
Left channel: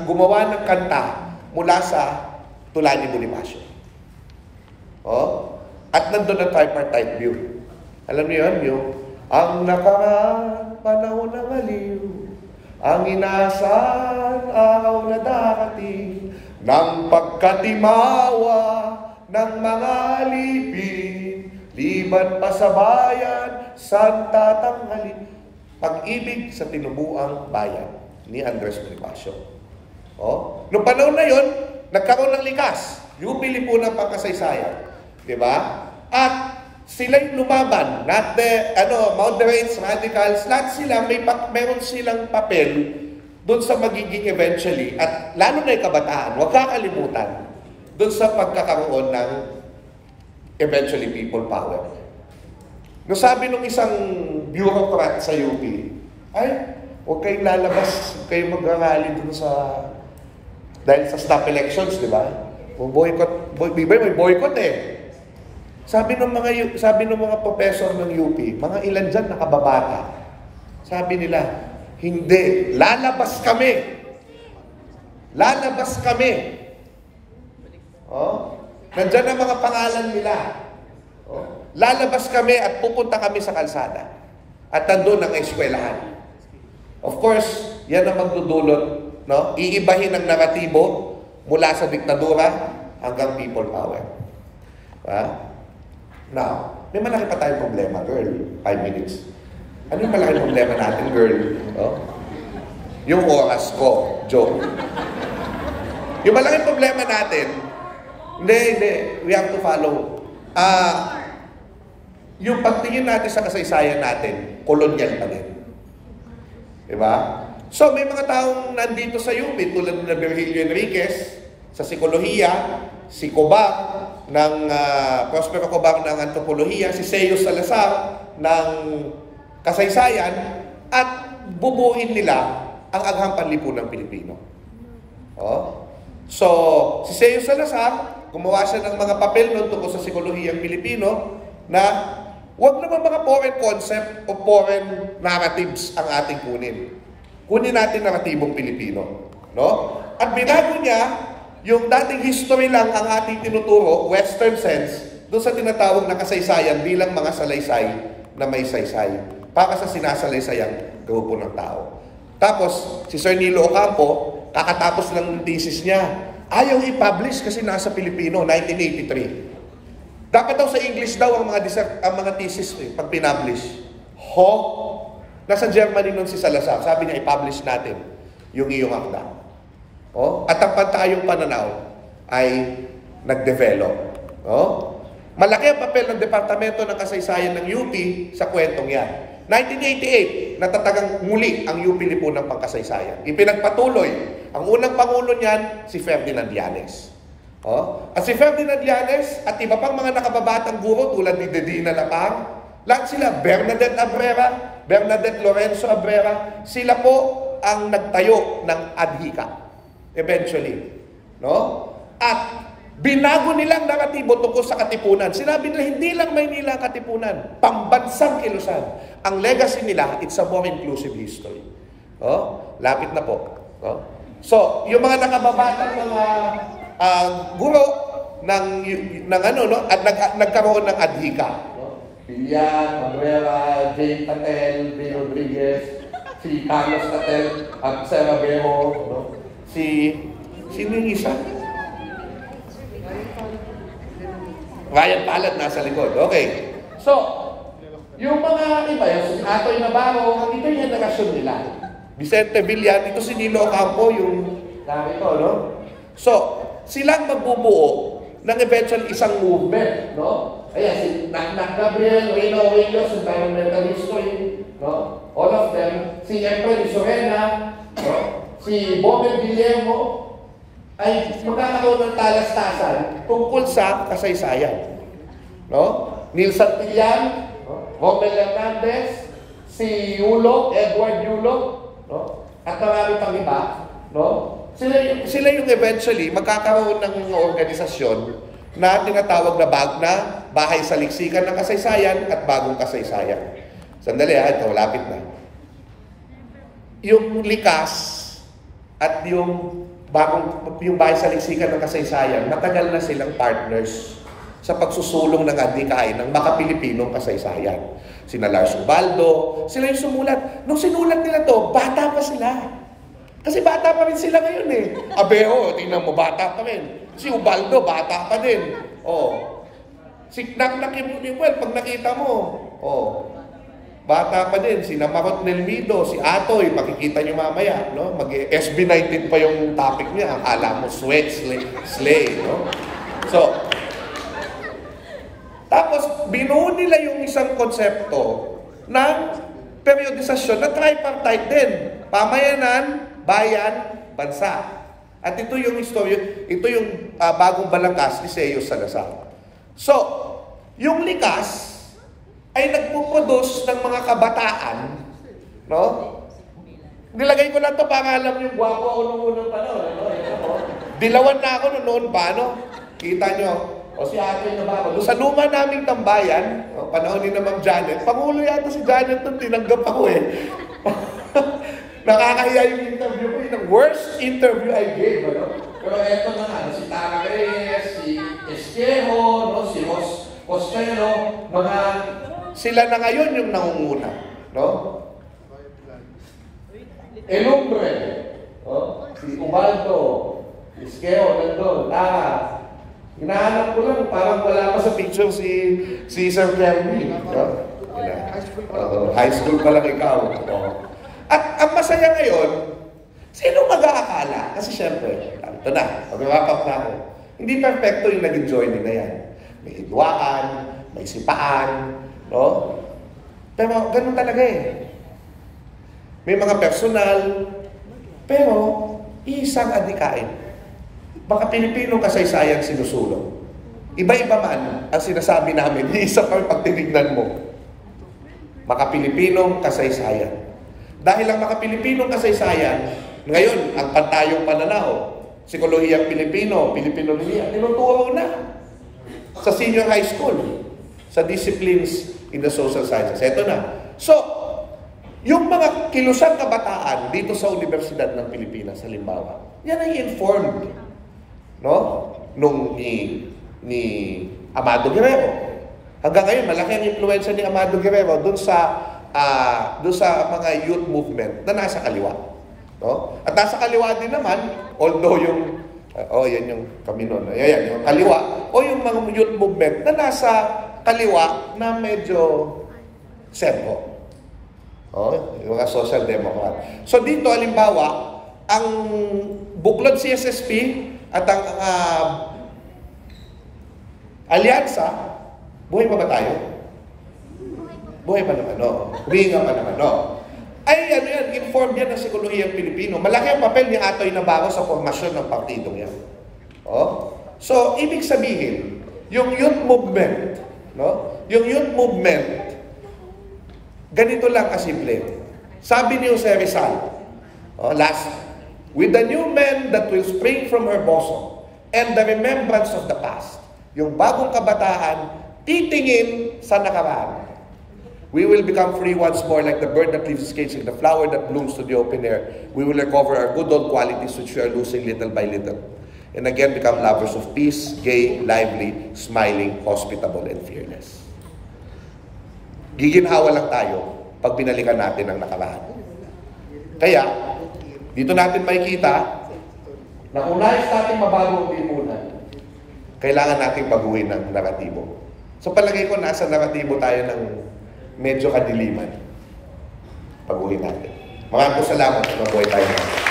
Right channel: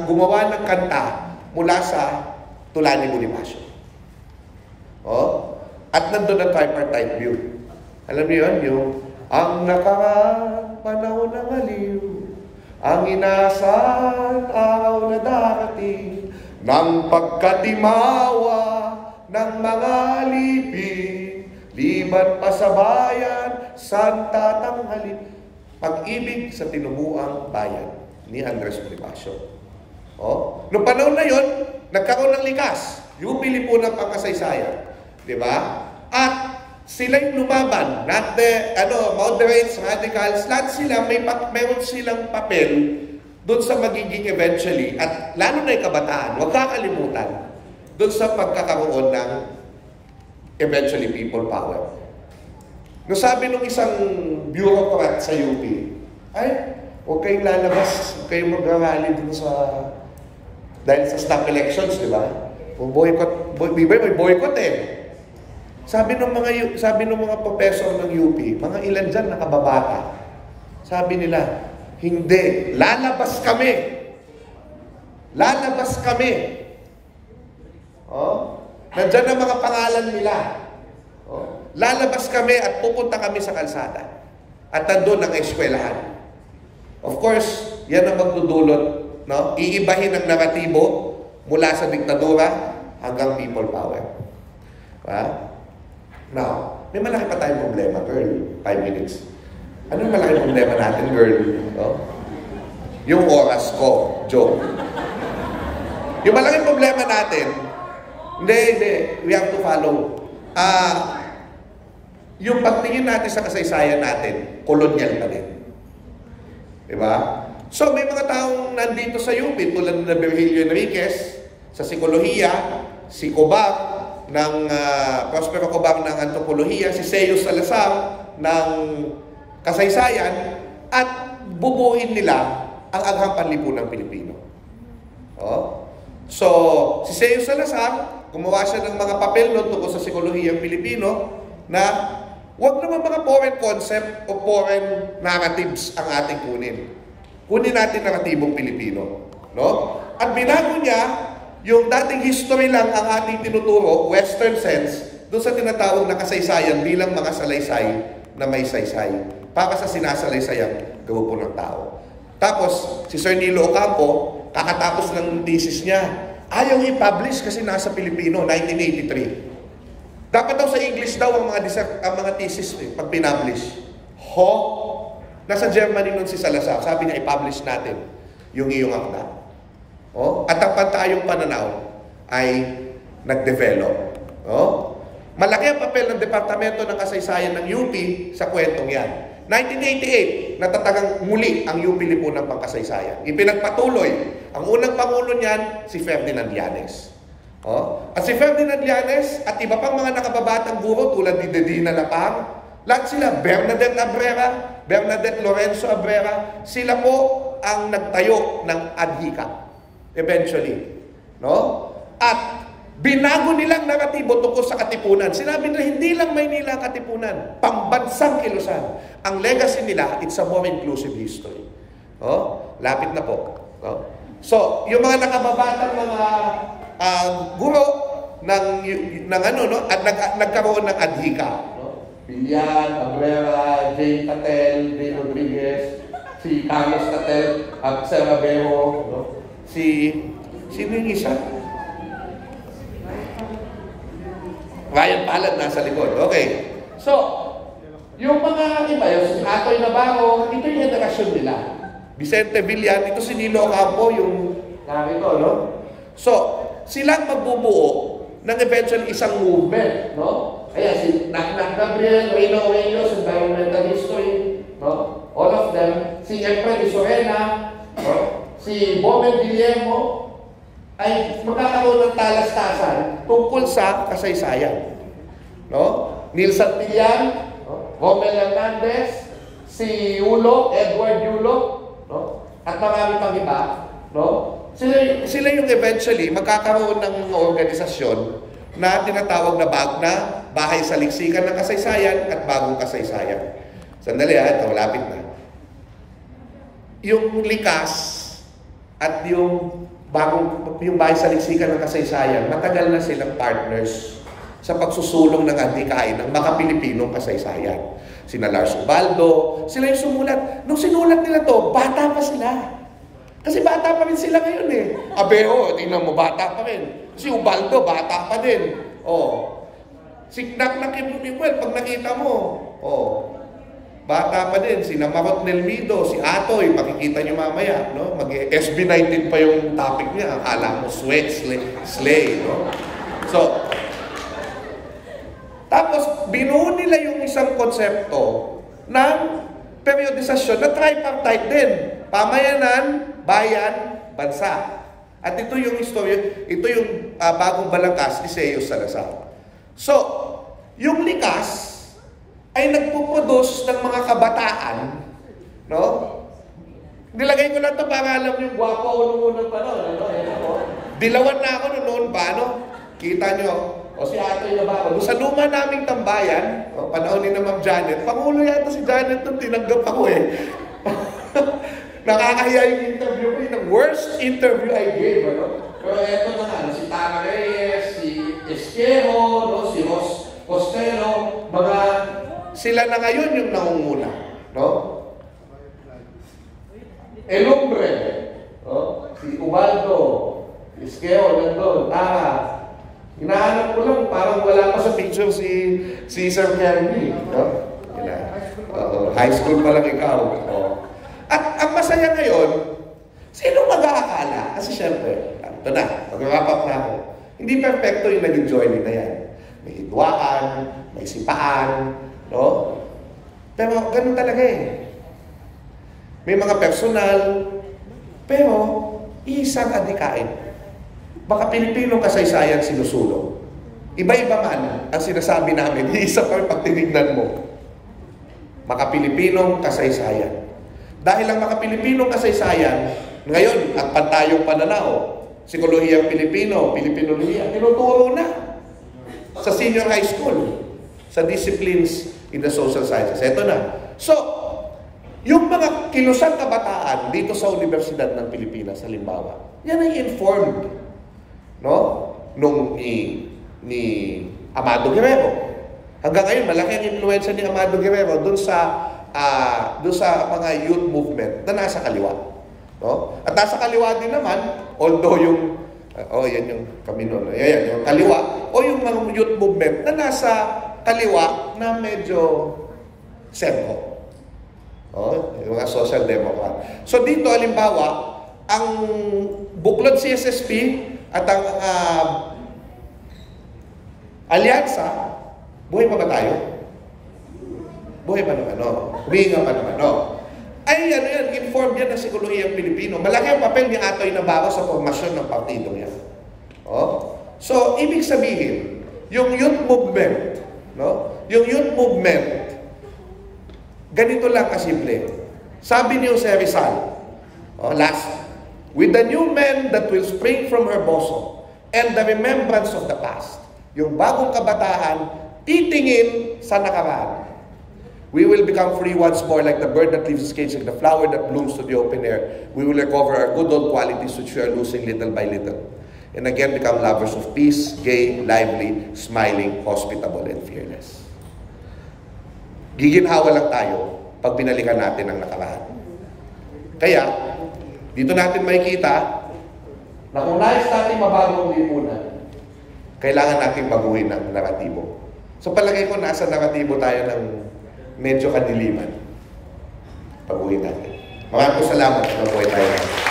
gumawa ng kanta mula sa Tula ni Bonifacio. Oh? At nandun ang tripartite view. Alam niyo yun? Yung ang nakaraan panahon ng aliw, ang inaasahan araw na darating, ng pagkatimawa ng mga alipin, liban pa sa bayan, santa tanghalin. Pag-ibig sa tinubuang bayan ni Andres Bonifacio. Oh? Noong panahon na yon, nagkaroon ng likas. UP Lipunan Pangkasaysayan. Diba? At sila yung lumaban. Not the moderates, radicals. Lahat sila, mayroon silang papel doon sa magiging eventually, at lalo na yung kabataan, huwag kakalimutan, doon sa pagkakaroon ng eventually people power. No, sabi nung isang bureaucrat sa UP, ay, huwag kayong lalabas, huwag kayong mag-rally dun sa, dahil sa stop elections, di ba? May boycott eh. Sabi ng mga professor ng UP, mga ilan dyan nakababata, sabi nila, hindi, lalabas kami. Lalabas kami. Oh? Nandyan ang mga pangalan nila. Oh? Lalabas kami at pupunta kami sa kalsada. At nandun ang eskwelahan. Of course, yan ang magdudulot, no? Iibahin ang naratibo mula sa diktadura hanggang people power. Now, may malaki pa tayong problema, girl. 5 minutes. Ano yung malaki problema natin, girl? Oh? Yung oras ko. Joke. Yung malaki problema natin, hindi. We have to follow. Yung pagtingin natin sa kasaysayan natin, kolonyal pa din. Diba? So, may mga taong nandito sa UP, tulad na Virgilio Enriquez, sa psikolohiya, si Cobang, ng Prospero Cobang ng antropolohiya, si Seo Salazar ng kasaysayan, at bubuin nila ang agham panlipunang Pilipino. Oh? So, si Seo Salazar, gumawa siya ng mga papel noon tungkol sa psikolohiyang Pilipino na wag naman mga foreign concept o foreign narratives ang ating kunin. Kunin natin naratibong Pilipino. No? At binago niya yung dating history lang ang ating tinuturo, Western sense, doon sa tinatawag na kasaysayan bilang mga salaysay na may saysay para sa sinasalaysayang grupo ng tao. Tapos, si Sir Nilo Ocampo, kakatapos ng thesis niya, ayaw i-publish kasi nasa Pilipino, 1983. Dapat daw sa English daw ang mga thesis pag pinablish. Nasa Germany nun si Salazar, sabi niya, i-publish natin yung iyong akda. Oh? At ang pantayong pananaw ay nag-develop. Oh? Malaki ang papel ng Departamento ng Kasaysayan ng UP sa kwentong yan. 1988, natatagang muli ang UP Lipunan Pangkasaysayan. Ipinagpatuloy. Ang unang pangulo niyan, si Ferdinand Llanes. Oh? At si Ferdinand Llanes at iba pang mga nakababatang guro tulad ni Dedina Lapang, lahat sila, Bernadette Lorenzo Abrera, sila po ang nagtayo ng adhika. Eventually. No? At binago nilang naratibo tungkol sa Katipunan. Sinabi nila, hindi lang Maynila ang Katipunan, pambansang kilusan. Ang legacy nila, it's a more inclusive history. Oh? Lapit na po. Oh? So, yung mga nakababatang mga guro, at nagkaroon ng adhika. No? Bilian, Abrera, Jane Catel, Jane Rodriguez, si Carlos Catel, Sir Abero, no? Sino yung isa? Ryan Palad nasa likod. Okay. So, yung mga iba, yung si Atoy Navarro, ito yung generasyon nila. Vicente Villan, ito si Nilo Ocampo, yung narito, no? So, silang magbubuo ng eventually isang movement, no? Ayan, si Gabriel, Reyno Reyes, environmental history, no? All of them. Si Efren Isorena, no? Si Boben Guillermo, ay magkakaroon ng talastasan tungkol sa kasaysayan. No? Neil Santillan, no? Romel Hernandez, si Edward Yulo, no? At marami pang iba, no? Sila yung eventually magkakaroon ng organisasyon na tinatawag na Bahay sa Liksikan ng Kasaysayan at Bagong Kasaysayan. Sandali ito, lapit na. Yung likas at yung Bahay sa Liksikan ng Kasaysayan, matagal na silang partners sa pagsusulong ng adhikain ng Makapilipinong kasaysayan. Sina Lars Ubaldo, sila yung sumulat. Nung sinulat nila to, bata pa sila. Kasi bata pa rin sila ngayon eh. Abeo, tingnan mo, bata pa rin. Si Ubaldo, bata pa din. Oh. Si Naknak Imuel, pag nakita mo, oh, bata pa din. Si Namarot Nelmido, si Atoy, makikita nyo mamaya, no? Mag-SB19 pa yung topic niya. Akala mo, slay, no? So, tapos, binuo nila yung isang konsepto ng periodisasyon na tripartite din. Pamayanan, bayan, bansa. At ito yung istorya, ito yung bagong balangkas ni Seo Salazar. So, yung likas ay nagpuproduce ng mga kabataan, no? Nilagay ko lang ito para alam yung gwapo ako nung unang panahon, ano? Yan ako. Dilawan na ako noon pa, no? Kita nyo, o si Atoy Navarro. Doon sa luma naming tambayan, panahon ni na Ma'am Janet, pangulo yata si Janet nung tinanggap ako eh. Nakakahiya yung interview ko, yung worst interview I gave, ano? Pero eto na nga, si Tara Reyes, si Esquero, no? Si Ros Costello, sila na ngayon yung nangunguna, no? Elumbre, no? Si Ubaldo, Esquero, nandun, Tara. Hinahanap ko lang, parang wala pa sa picture si Sir Kerry. No? High school pa lang ikaw. Oh. At ang masaya ngayon, sino mag-aakala? Kasi syempre, ito na, mag-wrap up na ako. Hindi perfecto yung naging journey na yan. May hidwaan, may sipaan, no? Pero ganun talaga eh. May mga personal, pero isang adhikain. Baka Pilipinong kasaysayan sinusulong. Iba-iba man ang sinasabi namin, isa pa pag tinignan mo. Makapilipinong kasaysayan. Dahil ang makapilipinong kasaysayan, ngayon, ang pantayong pananaw, psikolohiyang Pilipino, Pilipinolohiya, tinuturo na sa senior high school, sa disciplines in the social sciences. Ito na. So, yung mga kilusang kabataan dito sa Universidad ng Pilipinas, halimbawa, yan ay informed, no? Nung ni Amado Guerrero. Hanggang ngayon, malaki ang impluwensya ni Amado Guerrero dun sa mga youth movement na nasa kaliwa. No? At nasa kaliwa din naman, although yung, yan yung kami noon, yan, yung kaliwa, o yung mga youth movement na nasa kaliwa na medyo sentro. Yung mga social democrat. So dito, halimbawa, ang Buklod CSSP at ang Alyansa, buhay pa ba tayo? Buhay pa naman, no? Huminga pa naman, no? Ay, ano yan, informed yan ng psikolohiyang Pilipino. Malaki ang papel ni Atoy Navarro sa formasyon ng partidong yan. So, ibig sabihin, yung youth movement, no? Yung youth movement, ganito lang kasimple. Sabi ni Jose Rizal, with the new men that will spring from her bosom and the remembrance of the past, yung bagong kabataan, titingin sa nakaraan. We will become free once more like the bird that leaves its cage, like the flower that blooms to the open air. We will recover our good old qualities which we are losing little by little. and again become lovers of peace, gay, lively, smiling, hospitable, and fearless. Giginhawa lang tayo pag binalikan natin ang nakaraan. Kaya, dito natin makikita na kung nais natin mabago ang lipunan, kailangan nating baguhin ang naratibo. So palagay ko, nasa naratibo tayo ng medyo kadiliman. Baguhin natin. Maraming salamat at mabuhay tayo natin.